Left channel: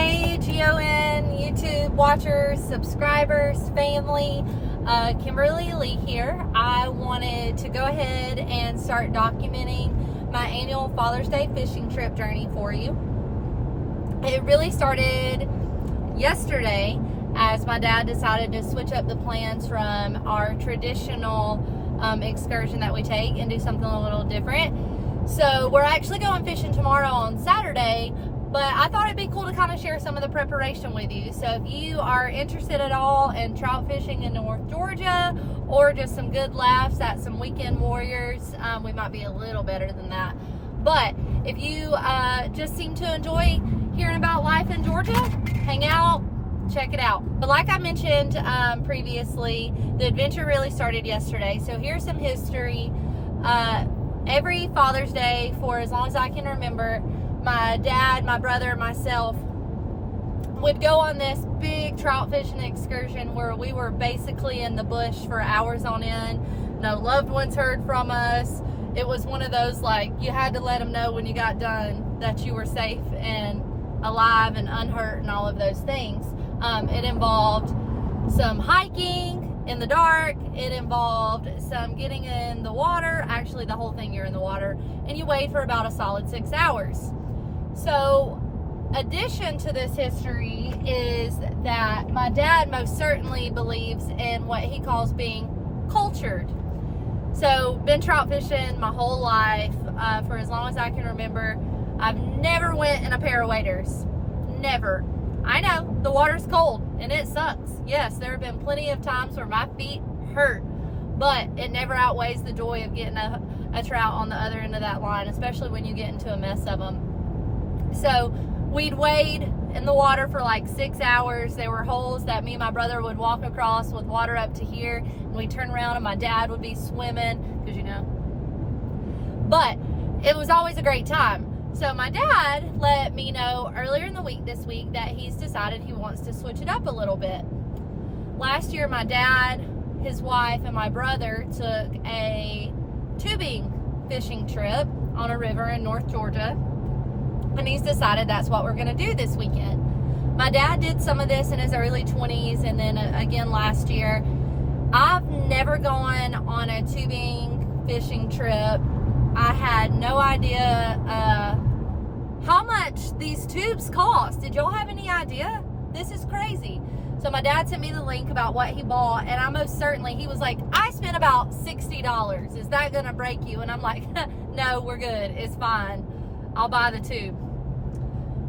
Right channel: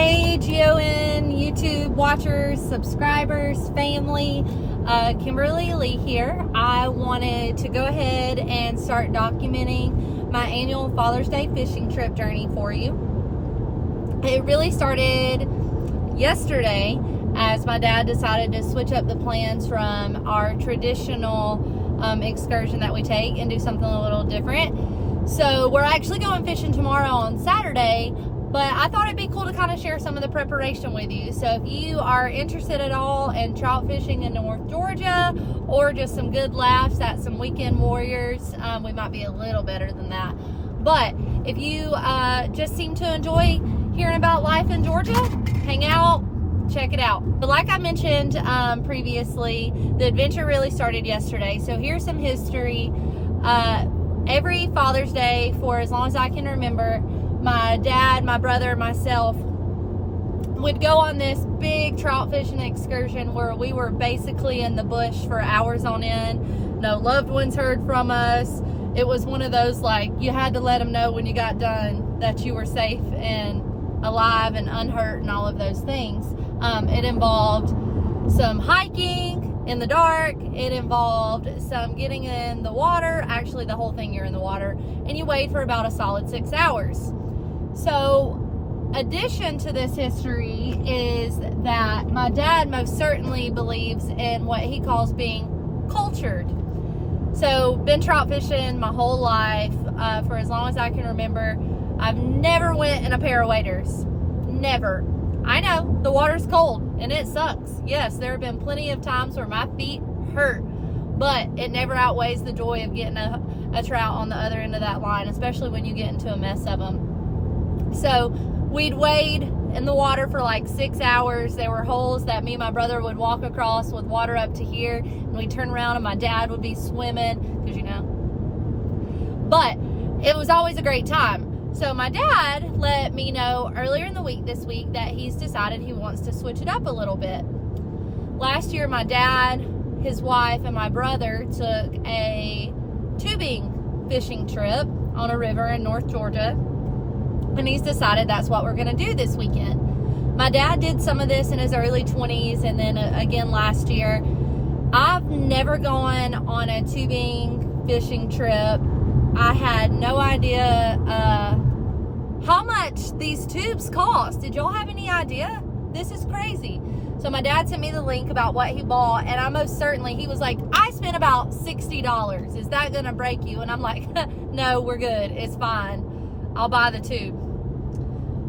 Hey GON YouTube watchers, subscribers, family, Kimberly Lee here. I wanted to go ahead and start documenting my annual Father's Day fishing trip journey for you. It really started yesterday as my dad decided to switch up the plans from our traditional excursion that we take and do something a little different. So we're actually going fishing tomorrow on Saturday, but I thought it'd be cool to kind of share some of the preparation with you. So if you are interested at all in trout fishing in North Georgia or just some good laughs at some weekend warriors, we might be a little better than that. But if you just seem to enjoy hearing about life in Georgia, hang out, check it out. But like I mentioned previously, the adventure really started yesterday. So here's some history. Every Father's Day for as long as I can remember, my dad, my brother, and myself would go on this big trout fishing excursion where we were basically in the bush for hours on end. No loved ones heard from us. It was one of those, like, you had to let them know when you got done that you were safe and alive and unhurt and all of those things. It involved some hiking in the dark. It involved some getting in the water. Actually, the whole thing, you're in the water, and you wait for about a solid 6 hours. So, addition to this history is that my dad most certainly believes in what he calls being cultured. So, been trout fishing my whole life for as long as I can remember. I've never went in a pair of waders. Never. I know, the water's cold and it sucks. Yes, there have been plenty of times where my feet hurt, but it never outweighs the joy of getting a trout on the other end of that line, especially when you get into a mess of them. So we'd wade in the water for like 6 hours. There were holes that me and my brother would walk across with water up to here, and we'd turn around and my dad would be swimming, because you know. But it was always a great time. So my dad let me know earlier in the week this week that he's decided he wants to switch it up a little bit. Last year, my dad, his wife, and my brother took a tubing fishing trip on a river in North Georgia, and he's decided that's what we're going to do this weekend. My dad did some of this in his early 20s and then again last year. I've never gone on a tubing fishing trip. I had no idea how much these tubes cost. Did y'all have any idea? This is crazy. So my dad sent me the link about what he bought, and I most certainly, he was like, I spent about $60. Is that gonna break you? And I'm like, no, we're good. It's fine. I'll buy the tube.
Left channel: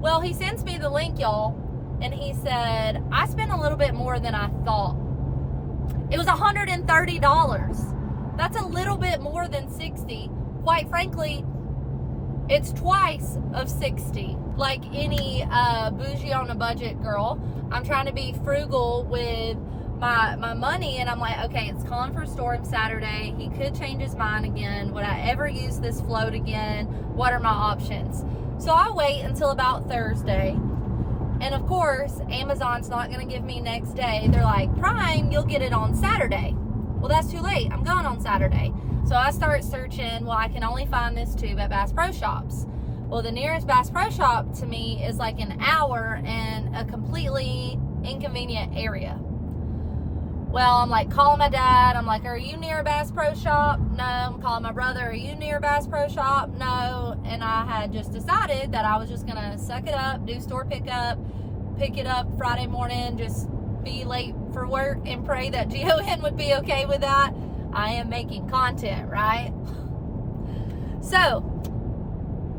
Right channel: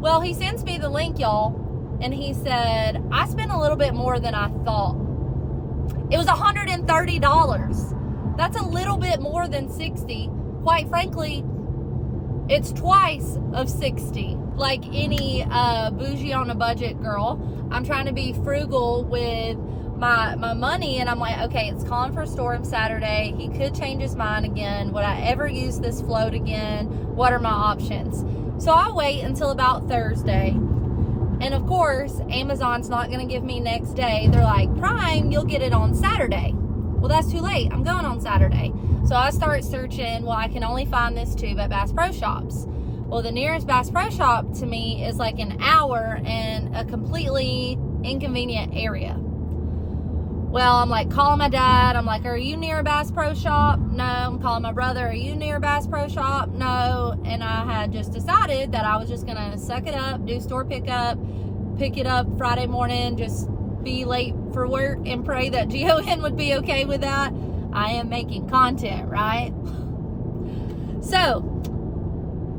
Well, he sends me the link, y'all, and he said, I spent a little bit more than I thought. It was $130. That's a little bit more than 60. Quite frankly, it's twice of 60. Like any bougie on a budget girl, I'm trying to be frugal with my money, and I'm like, okay, it's calling for a storm Saturday. He could change his mind again. Would I ever use this float again? What are my options? So I'll wait until about Thursday. And of course, Amazon's not going to give me next day. They're like, Prime, you'll get it on Saturday. Well, that's too late. I'm going on Saturday. So I start searching. Well, I can only find this tube at Bass Pro Shops. Well, the nearest Bass Pro Shop to me is like an hour in a completely inconvenient area. Well, I'm like calling my dad. I'm like, are you near a Bass Pro Shop? No. I'm calling my brother. Are you near a Bass Pro Shop? No. And I had just decided that I was just going to suck it up, do store pickup, pick it up Friday morning, just be late for work and pray that GON would be okay with that. I am making content, right? So,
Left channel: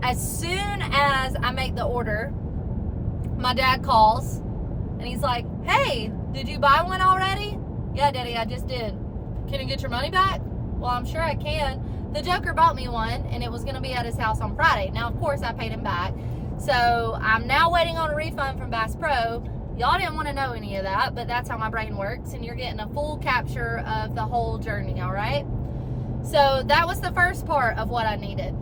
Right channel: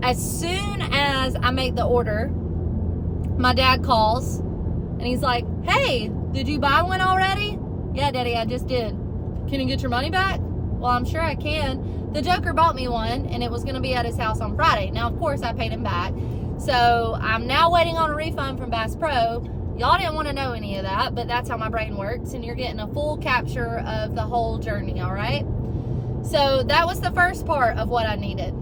as soon as I make the order, my dad calls and he's like, hey, did you buy one already? Yeah, Daddy, I just did. Can you get your money back? Well, I'm sure I can. The Joker bought me one, and it was going to be at his house on Friday. Now, of course, I paid him back. So, I'm now waiting on a refund from Bass Pro. Y'all didn't want to know any of that, but that's how my brain works, and you're getting a full capture of the whole journey, all right? So, that was the first part of what I needed.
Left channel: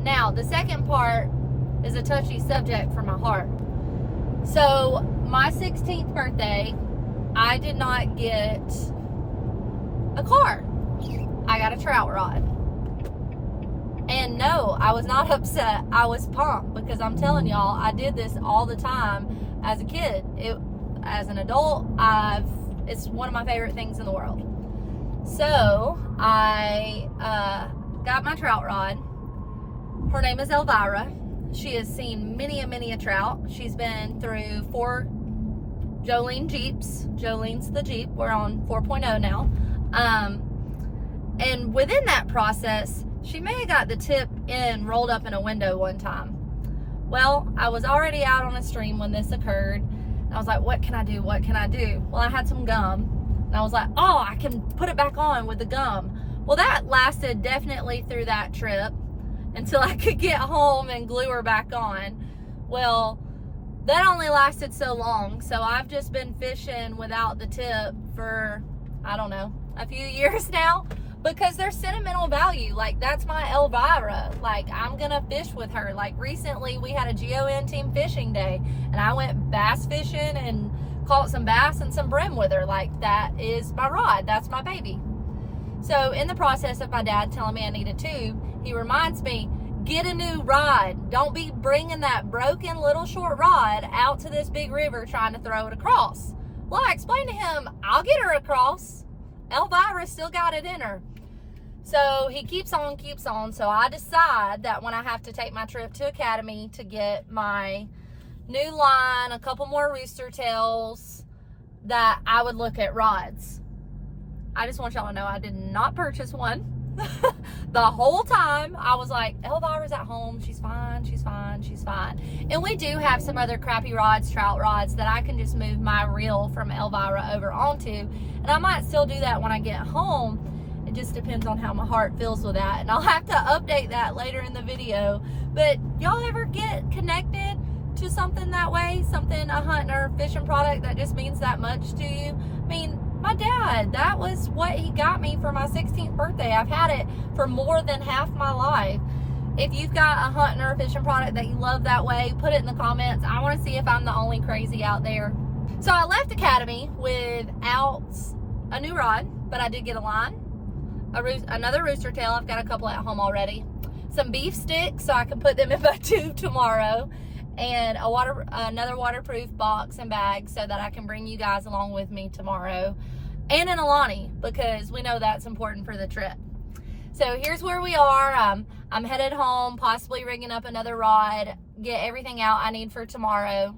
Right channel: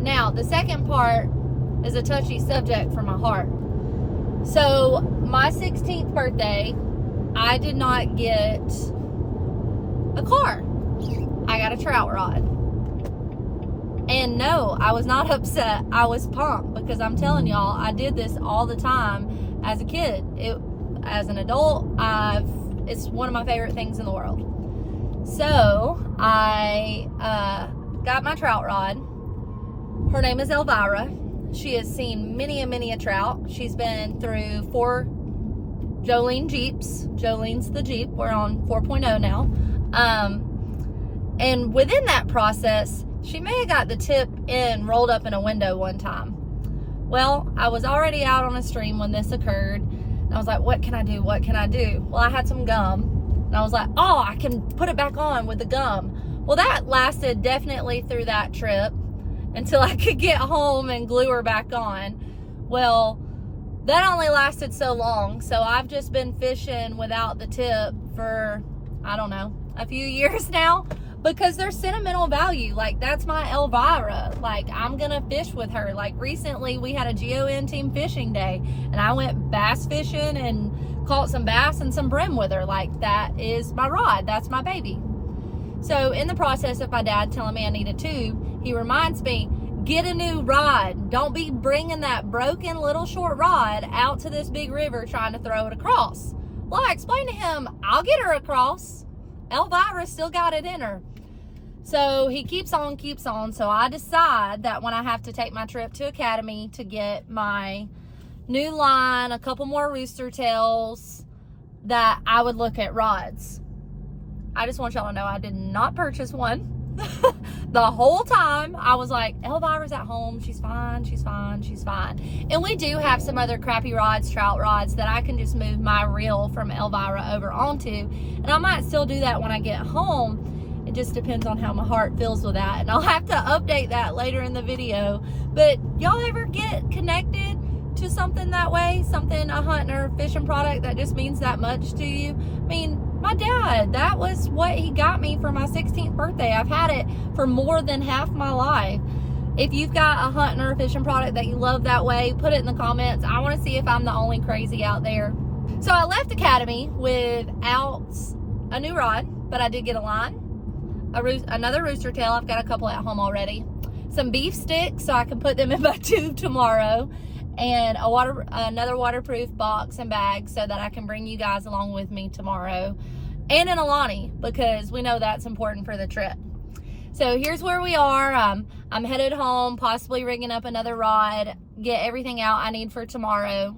Now, the second part is a touchy subject for my heart. So, my 16th birthday, I did not get a car. I got a trout rod. And no, I was not upset. I was pumped because I'm telling y'all, I did this all the time as a kid. As an adult, it's one of my favorite things in the world. So I got my trout rod. Her name is Elvira. She has seen many a trout. She's been through 4 Jolene Jeeps. Jolene's the Jeep. We're on 4.0 now. And within that process, she may have got the tip end rolled up in a window one time. Well, I was already out on a stream when this occurred. And I was like, what can I do? What can I do? Well, I had some gum. And I was like, oh, I can put it back on with the gum. Well, that lasted definitely through that trip until I could get home and glue her back on. Well, that only lasted so long. So I've just been fishing without the tip for, I don't know, a few years now, because there's sentimental value. Like, that's my Elvira. Like, I'm gonna fish with her. Like, recently we had a GON team fishing day and I went bass fishing and caught some bass and some brim with her. Like, that is my rod. That's my baby. So in the process of my dad telling me I need a tube, he reminds me, get a new rod. Don't be bringing that broken little short rod out to this big river trying to throw it across. Well, I explained to him, I'll get her across. Elvira still got it in her. So he keeps on. So I decide that when I have to take my trip to Academy to get my new line, a couple more rooster tails, that I would look at rods. I just want y'all to know I did not purchase one. The whole time I was like, Elvira's at home, she's fine, she's fine, she's fine. And we do have some other crappy rods, trout rods, that I can just move my reel from Elvira over onto, and I might still do that when I get home. It just depends on how my heart feels with that, and I'll have to update that later in the video. But y'all ever get connected to something that way, something, a hunting or fishing product that just means that much to you? I mean, my dad, that was what he got me for my 16th birthday. I've had it for more than half my life. If you've got a hunting or a fishing product that you love that way, put it in the comments. I want to see if I'm the only crazy out there. So I left Academy without a new rod, but I did get a line, another rooster tail. I've got a couple at home already. Some beef sticks so I can put them in my tube tomorrow, and another waterproof box and bag so that I can bring you guys along with me tomorrow, and an Alani, because we know that's important for the trip. So here's where we are. I'm headed home, possibly rigging up another rod, get everything out I need for tomorrow.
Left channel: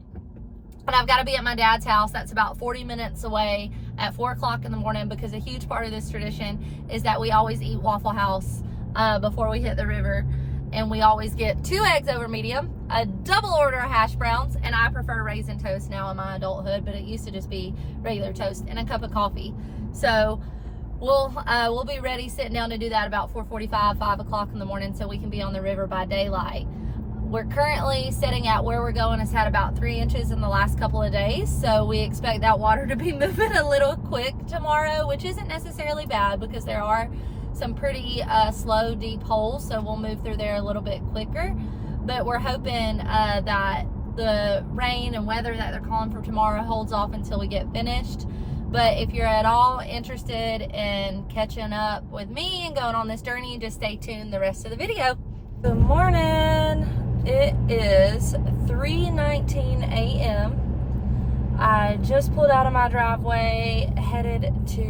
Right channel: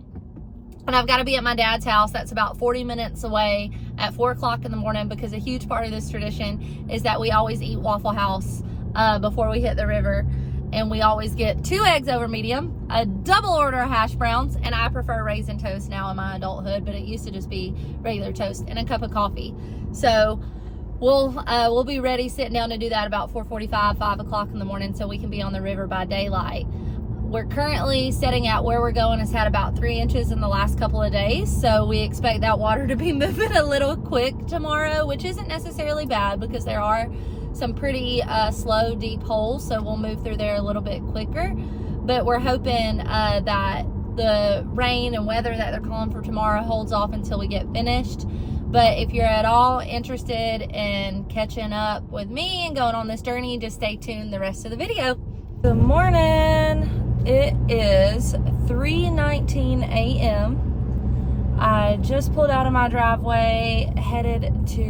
And I've got to be at my dad's house. That's about 40 minutes away at 4 o'clock in the morning, because a huge part of this tradition is that we always eat Waffle House before we hit the river. And we always get 2 eggs over medium, a double order of hash browns, and I prefer raisin toast now in my adulthood, but it used to just be regular toast, and a cup of coffee. So we'll be ready, sitting down to do that about 4:45, 5 o'clock in the morning, so we can be on the river by daylight. We're currently setting out where we're going. It's had about 3 inches in the last couple of days, so we expect that water to be moving a little quick tomorrow, which isn't necessarily bad because there are some pretty slow, deep holes, so we'll move through there a little bit quicker. But we're hoping that the rain and weather that they're calling for tomorrow holds off until we get finished. But if you're at all interested in catching up with me and going on this journey, just stay tuned the rest of the video. Good morning. It is 3:19 a.m. I just pulled out of my driveway, headed to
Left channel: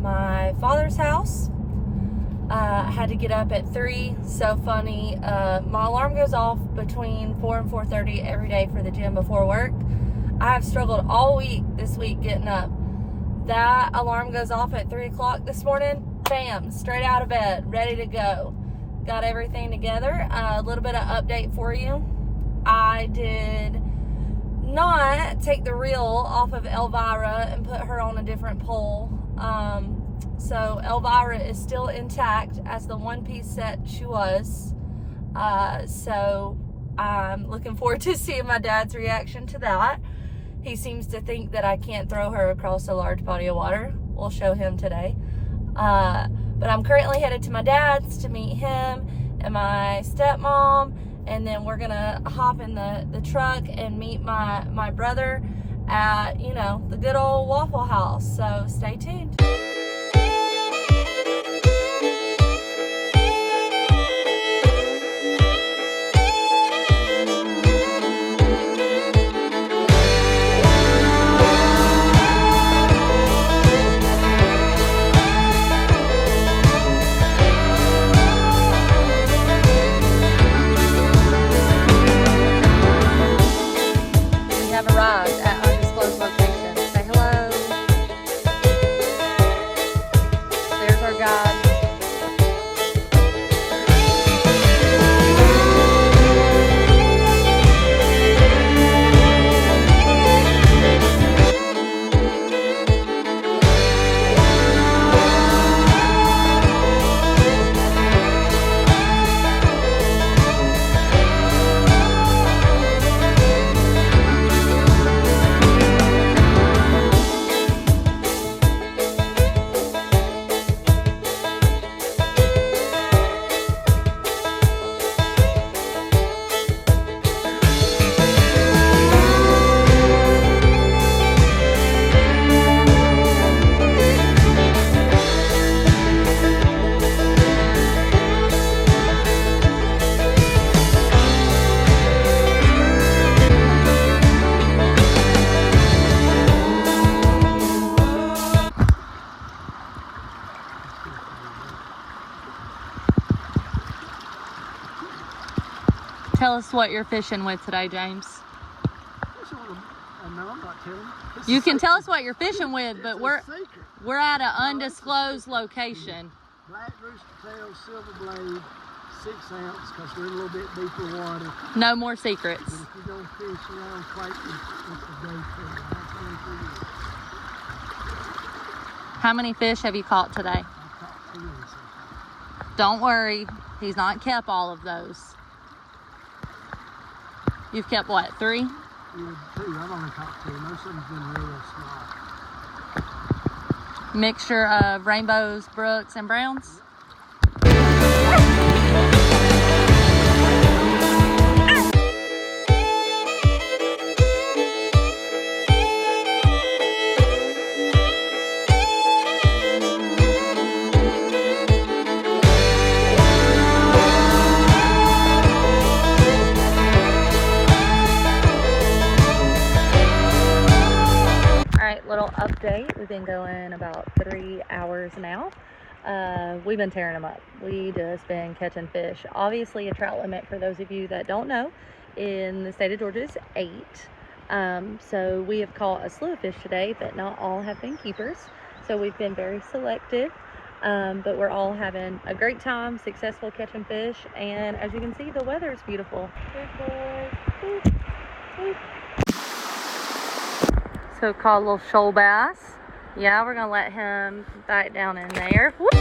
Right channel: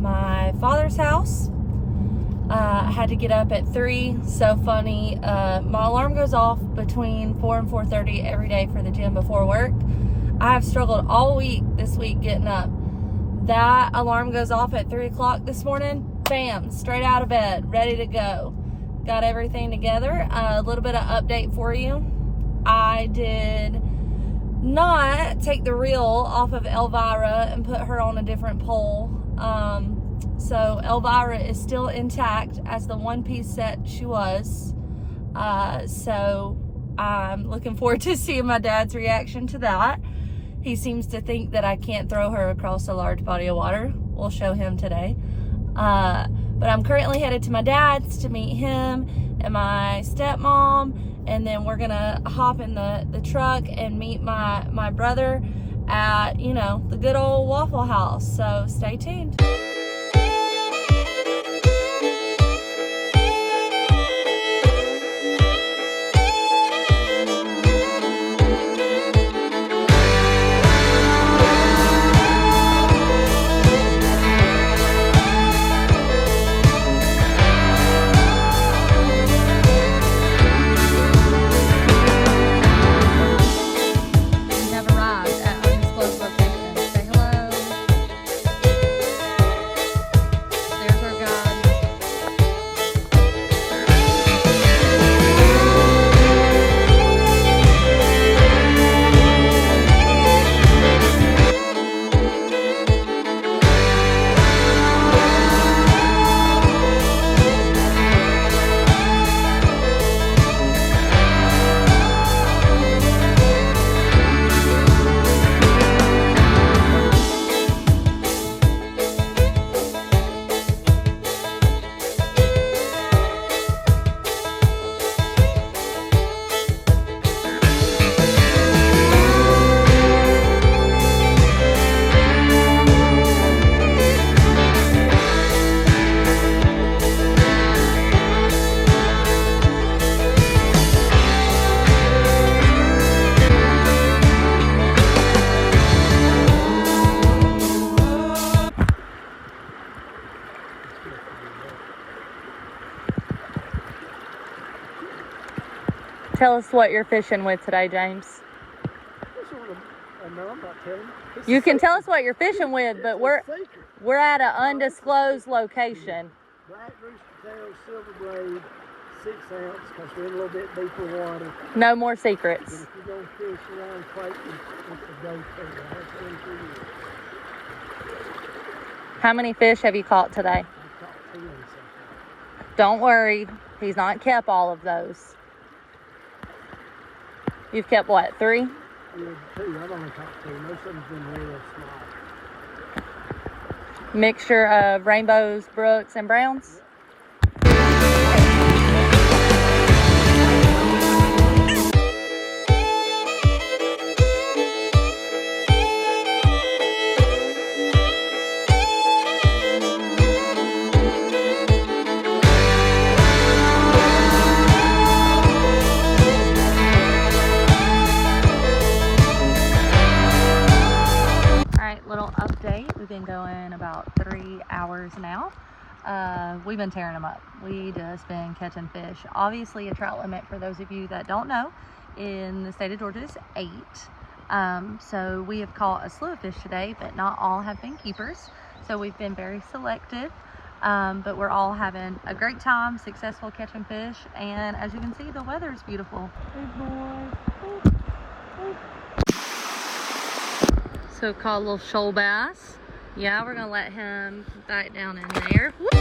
my father's house. I had to get up at 3. So funny. My alarm goes off between 4 and 4:30 every day for the gym before work. I have struggled all week this week getting up. That alarm goes off at 3 o'clock this morning. Bam, straight out of bed, ready to go. Got everything together. A little bit of update for you. I did not take the reel off of Elvira and put her on a different pole. So Elvira is still intact as the one-piece set she was. So I'm looking forward to seeing my dad's reaction to that. He seems to think that I can't throw her across a large body of water. We'll show him today. But I'm currently headed to my dad's to meet him and my stepmom, and then we're gonna hop in the truck and meet my brother at, you know, the good old Waffle House. So stay tuned. tell us what you're fishing with today, James. No, I'm not telling you. You can tell us what you're fishing with, but we're at an undisclosed location. Black rooster tail, silver blade, 6 ounce, because we're in a little bit deeper water. No more secrets. But if you go fish around Clayton, it's a go for that's 23 years. How many fish have you caught today? I caught 10 so far. Don't worry, he's not kept all of those. You've kept what, 3? Yeah, 2. I've only caught 2. Most of them's been real small. Mixture of rainbows, brooks, and browns? Little update. We've been going about 3 hours now. We've been tearing them up. We just been catching fish. Obviously, a trout limit, for those of you that don't know, in the state of Georgia is 8. So we have caught a slew of fish today, but not all have been keepers. So we've been very selective, but we're all having a great time, successful catching fish. And as you can see, the weather is beautiful. Good boy. Boop, boop. So caught a little shoal bass. Yeah, we're gonna let him bite down in there. Whoop.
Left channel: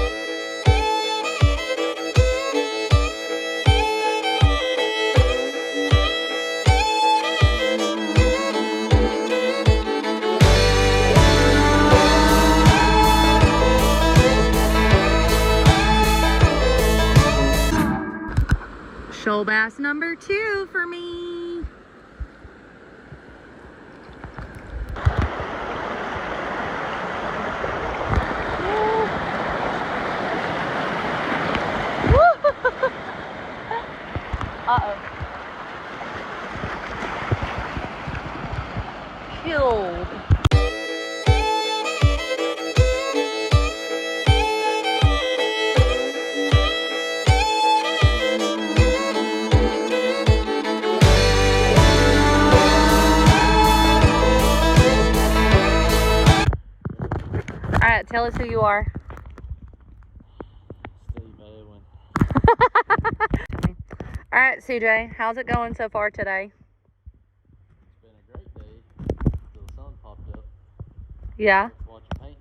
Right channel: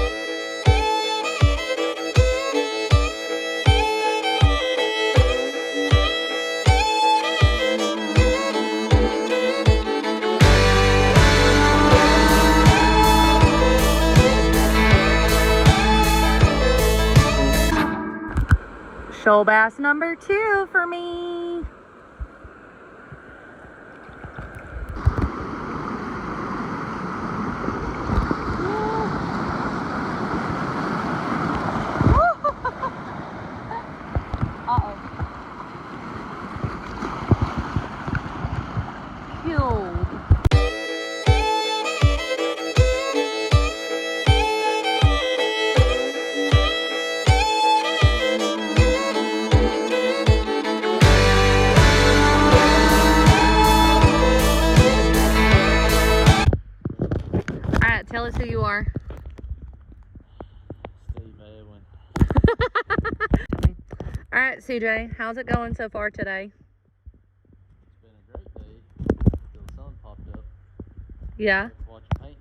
Shoal bass number 2 for me. Uh-oh. Killed. All right, tell us who you are. All right, CJ, how's it going so far today? It's been a great day till the sun popped up. Yeah. Let's watch paint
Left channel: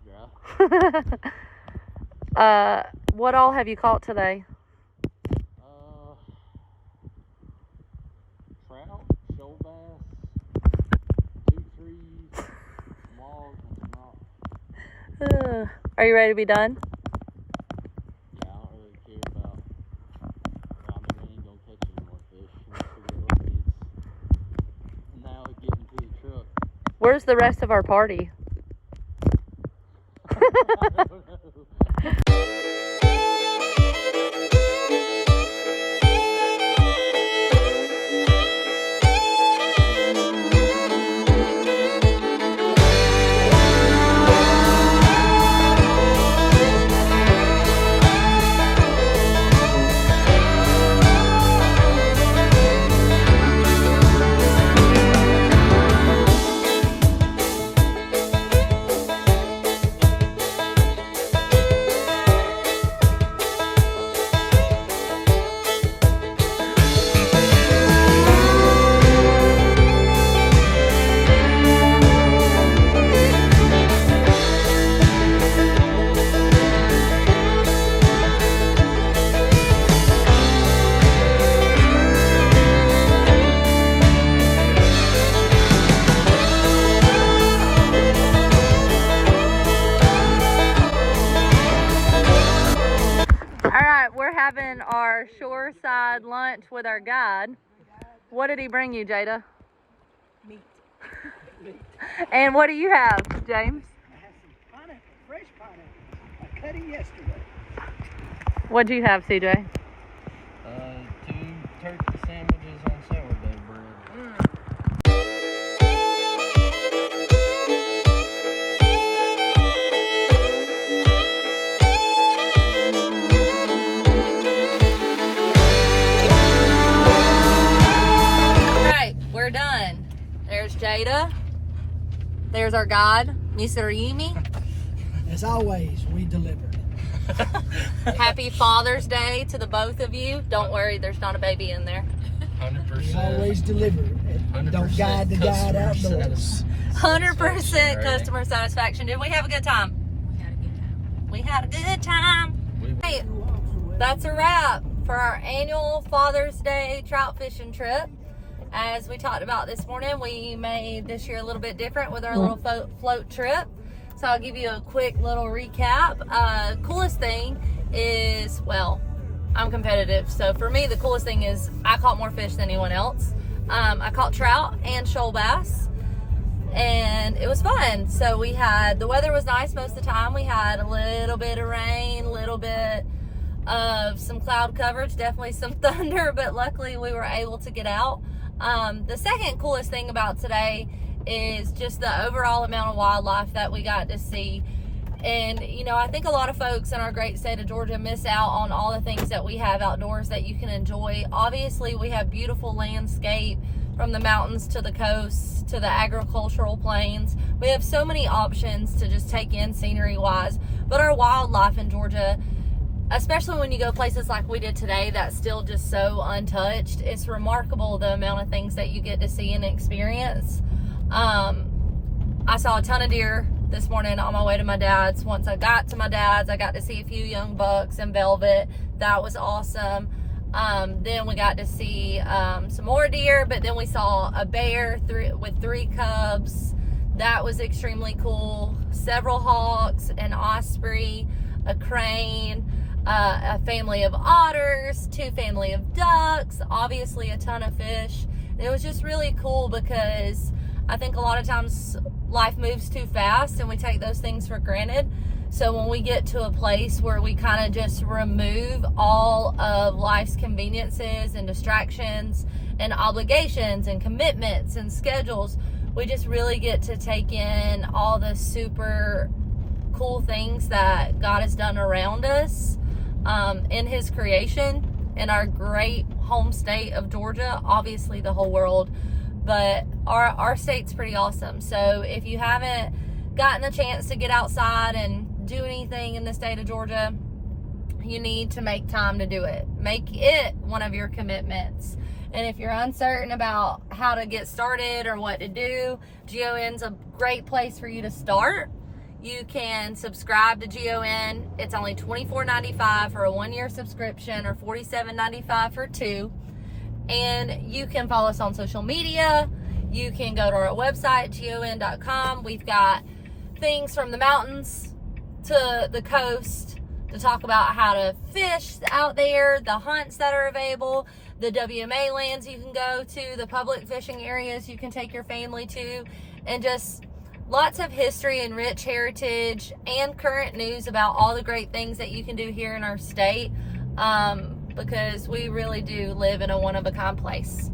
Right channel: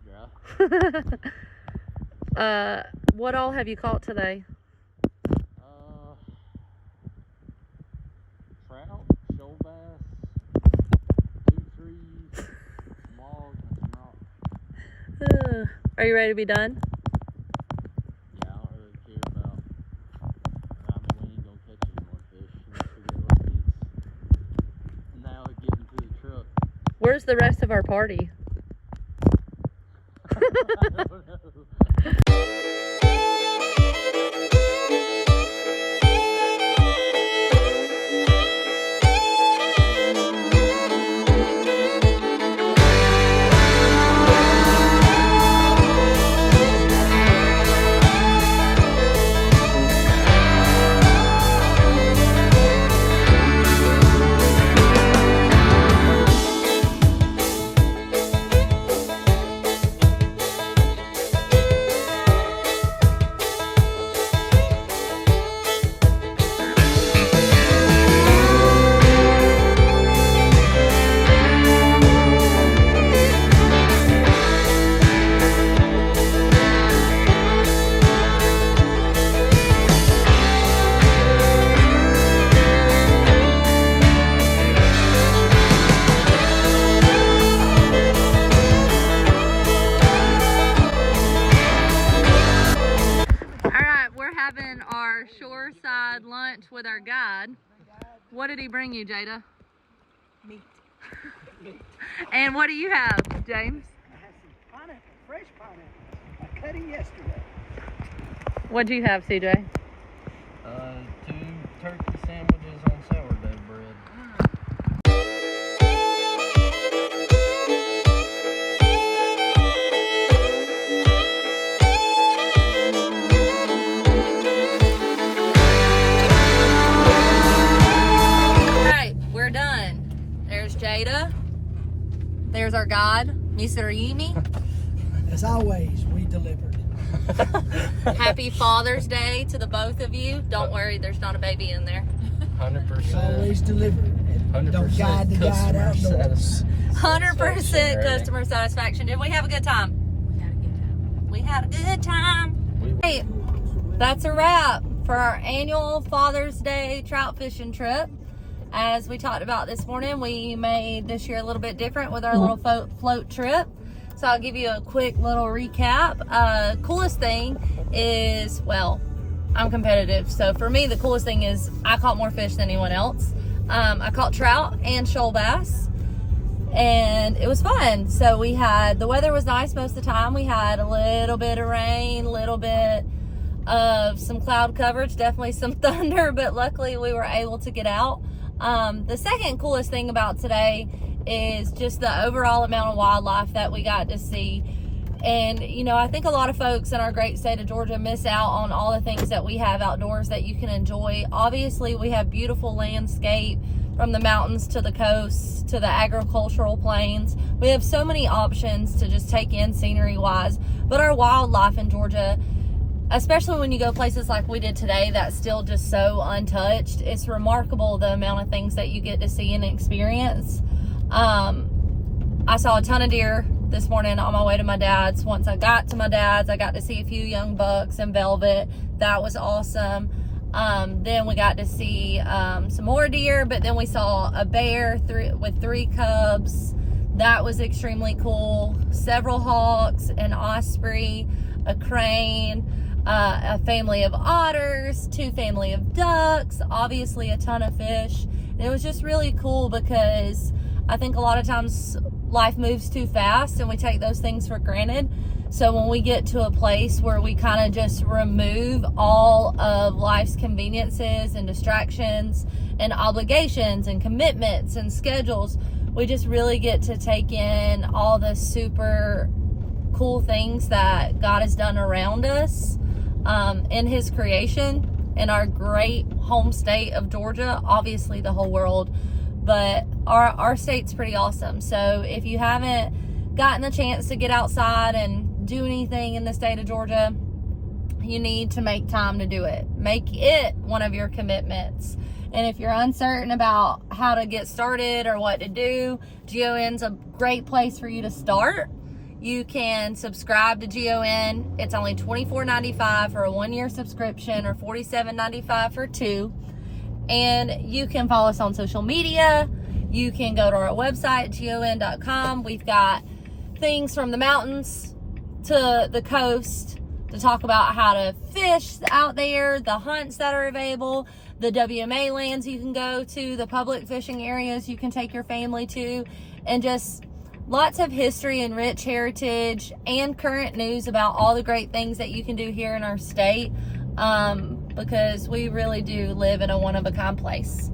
dry. What all have you caught today? Trout, shoal bass, 2 trees, logs, and some rocks. Are you ready to be done? Yeah, I don't really care about. I mean, we ain't gonna catch any more fish. Once we get lucky, it's now getting to the truck. Where's the rest of our party? I don't know. Our shoreside lunch with our guide. What did he bring you, Jada? Meat. And what do you have, James? I have some pineapple, fresh pineapple. I cut it yesterday. What do you have, CJ? 2 turkey sandwiches on sourdough bread. There's Jada. There's our guide, Mr. Yimi. As always, we delivered. Happy Father's Day to the both of you. Don't worry, there's not a baby in there. 100%. Always deliver. 100% Don't guide the guide outdoors. 100% customer satisfaction. Did we have a good time? We had a good time. Hey, that's a wrap for our annual Father's Day trout fishing trip. As we talked about this morning, we made this year a little bit different with our little float trip. So I'll give you a quick little recap. Coolest thing is, well, I'm competitive. So for me, the coolest thing is I caught more fish than anyone else. I caught trout and shoal bass, and it was fun. So the weather was nice most of the time. We had a little bit of rain, a little bit of some cloud coverage, definitely some thunder, but luckily we were able to get out. The second coolest thing about today is just the overall amount of wildlife that we got to see. And, you know, I think a lot of folks in our great state of Georgia miss out on all the things that we have outdoors that you can enjoy. Obviously, we have beautiful landscape from the mountains to the coast to the agricultural plains. We have so many options to just take in scenery-wise. But our wildlife in Georgia, especially when you go places like we did today, that's still just so untouched. It's remarkable the amount of things that you get to see and experience. I saw a ton of deer this morning on my way to my dad's. Once I got to my dad's, I got to see a few young bucks and velvet. That was awesome. Then we got to see some more deer, but then we saw a bear with 3 cubs. That was extremely cool. Several hawks, an osprey, a crane, a family of otters, 2 family of ducks, obviously a ton of fish. And it was just really cool because I think a lot of times life moves too fast and we take those things for granted. So when we get to a place where we kind of just remove all of life's conveniences and distractions and obligations and commitments and schedules, we just really get to take in all the super cool things that God has done around us in his creation, in our great home state of Georgia, obviously the whole world, but our state's pretty awesome. So if you haven't gotten the chance to get outside and do anything in the state of Georgia, you need to make time to do it. Make it one of your commitments. And if you're uncertain about how to get started or what to do, GON's a great place for you to start. You can subscribe to GON. It's only $24.95 for a 1-year subscription or $47.95 for 2. And you can follow us on social media. You can go to our website, gon.com. We've got things from the mountains to the coast to talk about how to fish out there, the hunts that are available, the WMA lands you can go to, the public fishing areas you can take your family to, and just lots of history and rich heritage and current news about all the great things that you can do here in our state, because we really do live in a one-of-a-kind place.